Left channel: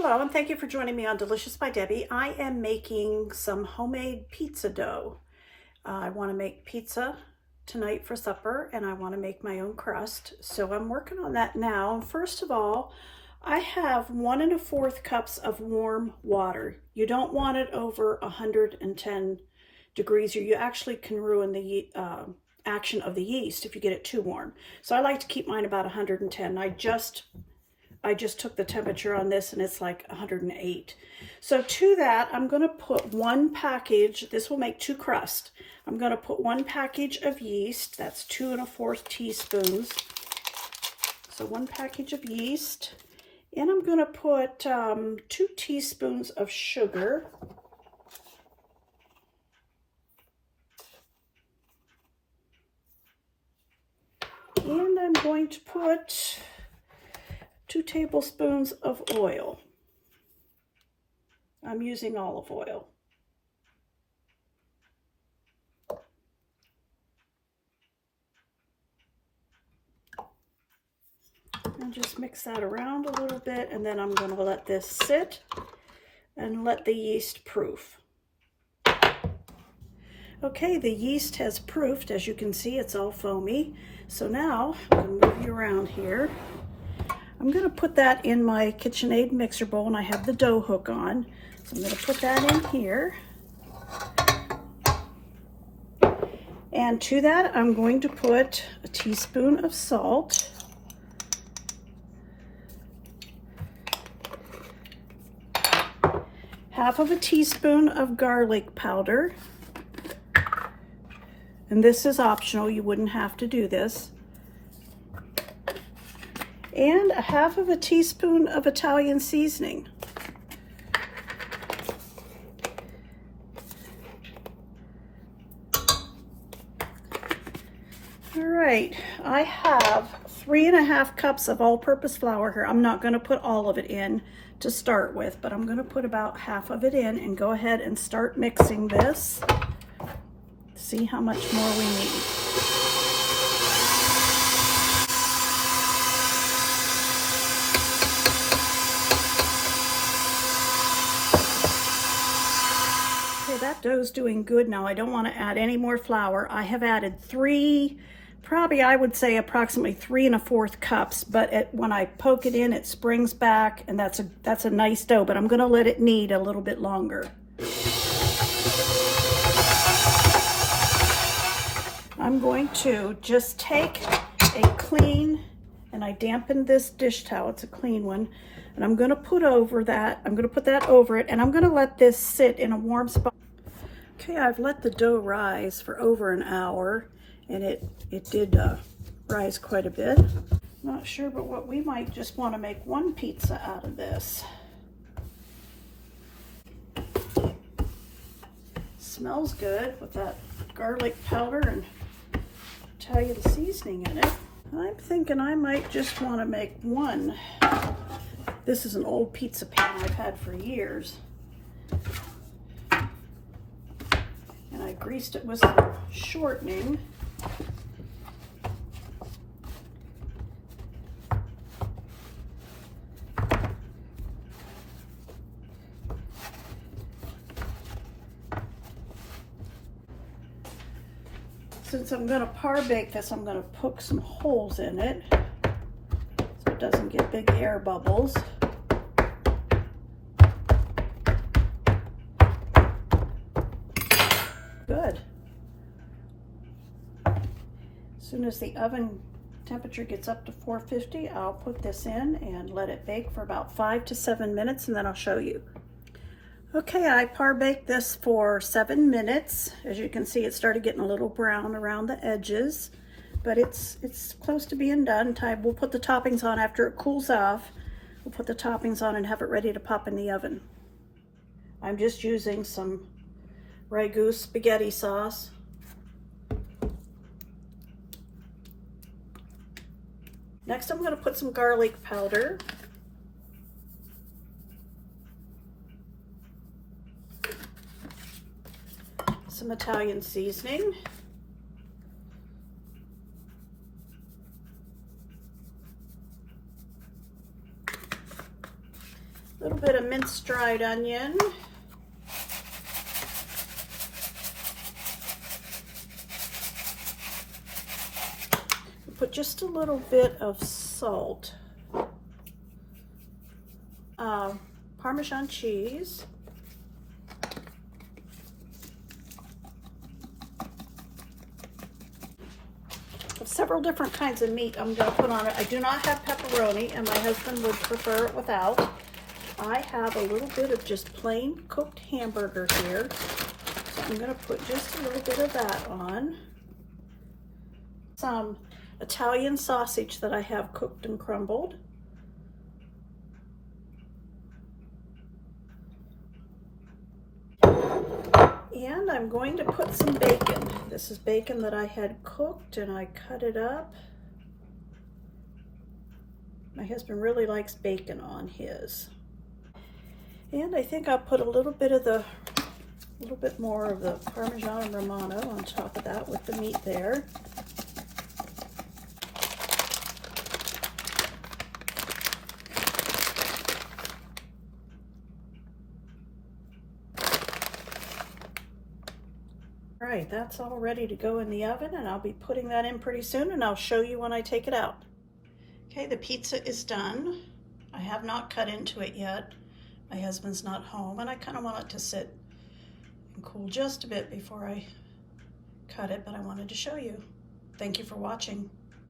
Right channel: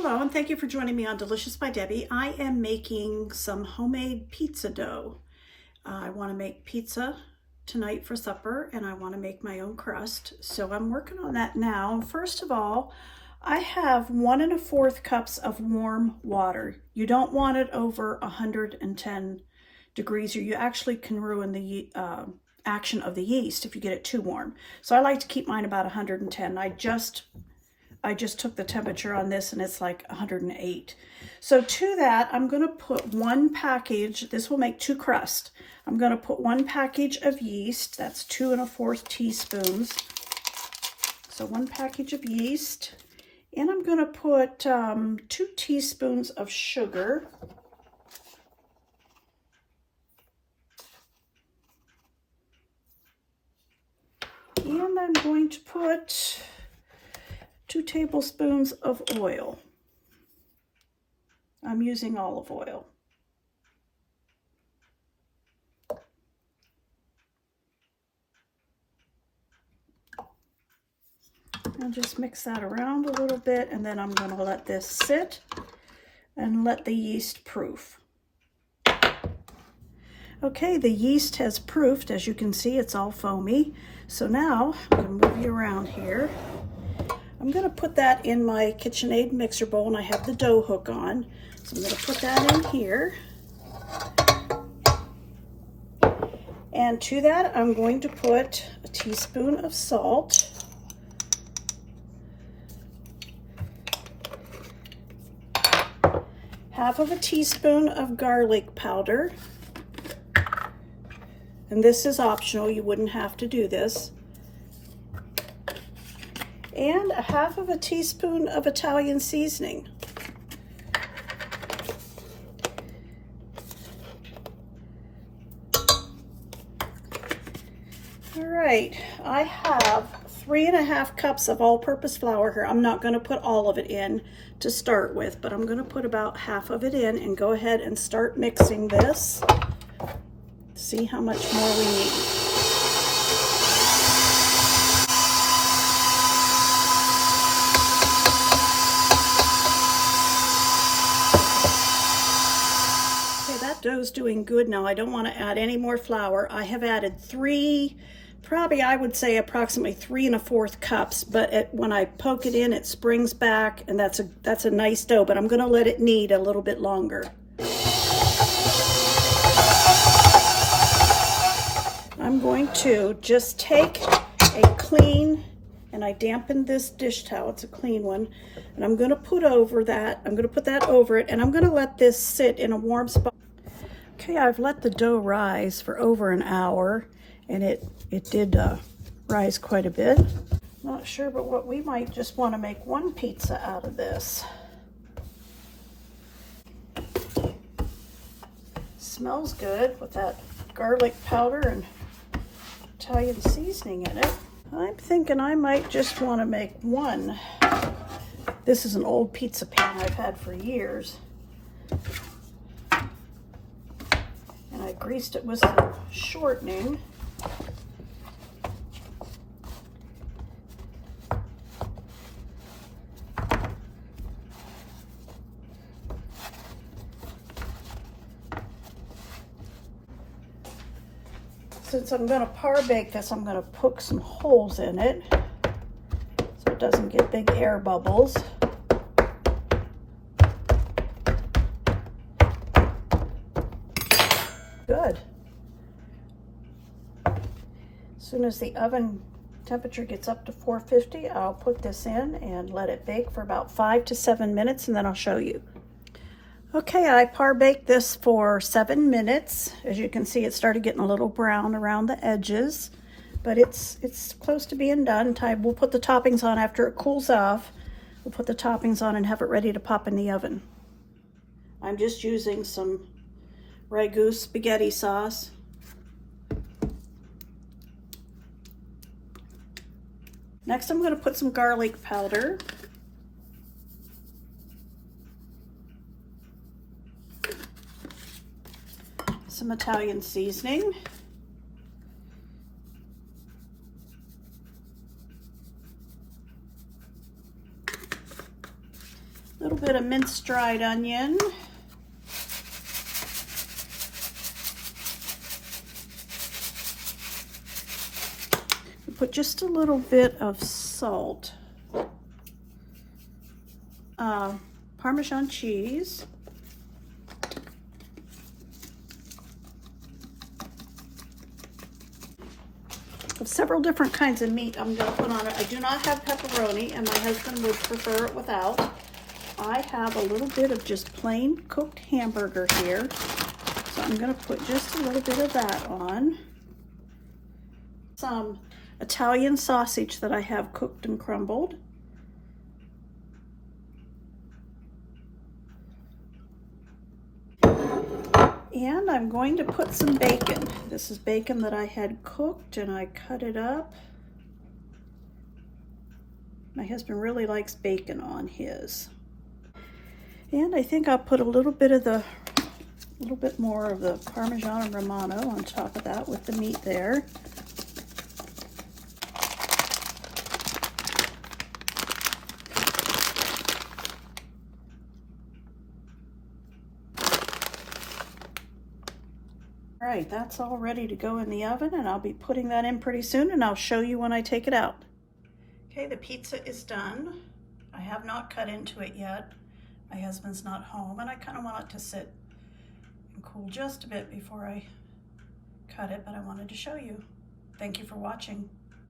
Hello, and thank you for joining me on Delicious by Debbie. I am making some homemade pizza dough. I want to make pizza tonight for supper, and I want to make my own crust. So I'm working on that now. First of all, I have 1 1/4 cups of warm water. You don't want it over 110 degrees, or you actually can ruin the action of the yeast if you get it too warm. So I like to keep mine about 110. I just took the temperature on this and it's like 108. So to that, I'm going to put 1 package. This will make 2 crusts. I'm going to put 1 package of yeast. That's 2 1/4 teaspoons. So 1 package of yeast. And I'm going to put 2 teaspoons of sugar. And I'm going to put 2 tablespoons of oil. I'm using olive oil. I'll just mix that around a little bit, and then I'm going to let this sit and let the yeast proof. Okay, the yeast has proofed. As you can see, it's all foamy. So now I'm going to move you around here. I'm going to put that in my KitchenAid mixer bowl, and I have the dough hook on. So I'm going to put that in here. And to that, I'm going to put a teaspoon of salt. Half of a teaspoon of garlic powder. And this is optional, you wouldn't have to do this. And a half of a teaspoon of Italian seasoning. All right, I have 3 1/2 cups of all-purpose flour here. I'm not going to put all of it in to start with, but I'm going to put about half of it in and go ahead and start mixing this. See how much more we need. That dough's doing good now. I don't want to add any more flour. I have added probably I would say approximately 3 1/4 cups, but when I poke it in, it springs back, and that's a nice dough, but I'm going to let it knead a little bit longer. I'm going to just take a clean, and I dampened this dish towel, it's a clean one, and I'm going to put over that, I'm going to put that over it, and I'm going to let this sit in a warm spot. Okay, I've let the dough rise for over an hour, and it did rise quite a bit. Not sure, but we might just want to make 1 pizza out of this. Smells good with that garlic powder and Italian seasoning in it. I'm thinking I might just want to make 1. This is an old pizza pan I've had for years. And I greased it with some shortening. Since I'm going to parbake this, I'm going to poke some holes in it so it doesn't get big air bubbles. Good. As soon as the oven temperature gets up to 450, I'll put this in and let it bake for about 5 to 7 minutes, and then I'll show you. Okay, I parbaked this for 7 minutes. As you can see, it started getting a little brown around the edges, but it's close to being done. We'll put the toppings on after it cools off. We'll put the toppings on and have it ready to pop in the oven. I'm just using some ragu spaghetti sauce. Next, I'm going to put some garlic powder. Some Italian seasoning. A little bit of minced dried onion. Put just a little bit of salt. Parmesan cheese. Several different kinds of meat I'm going to put on it. I do not have pepperoni, and my husband would prefer it without. I have a little bit of just plain cooked hamburger here, so I'm going to put just a little bit of that on. Some Italian sausage that I have cooked and crumbled. And I'm going to put some bacon. This is bacon that I had cooked and I cut it up. My husband really likes bacon on his. And I think I'll put a little bit more of the Parmesan Romano on top of that with the meat there. All right, that's all ready to go in the oven, and I'll be putting that in pretty soon, and I'll show you when I take it out. Okay, the pizza is done. I have not cut into it yet. My husband's not home, and I kind of want it to sit and cool just a bit before I cut it, but I wanted to show you. Thank you for watching.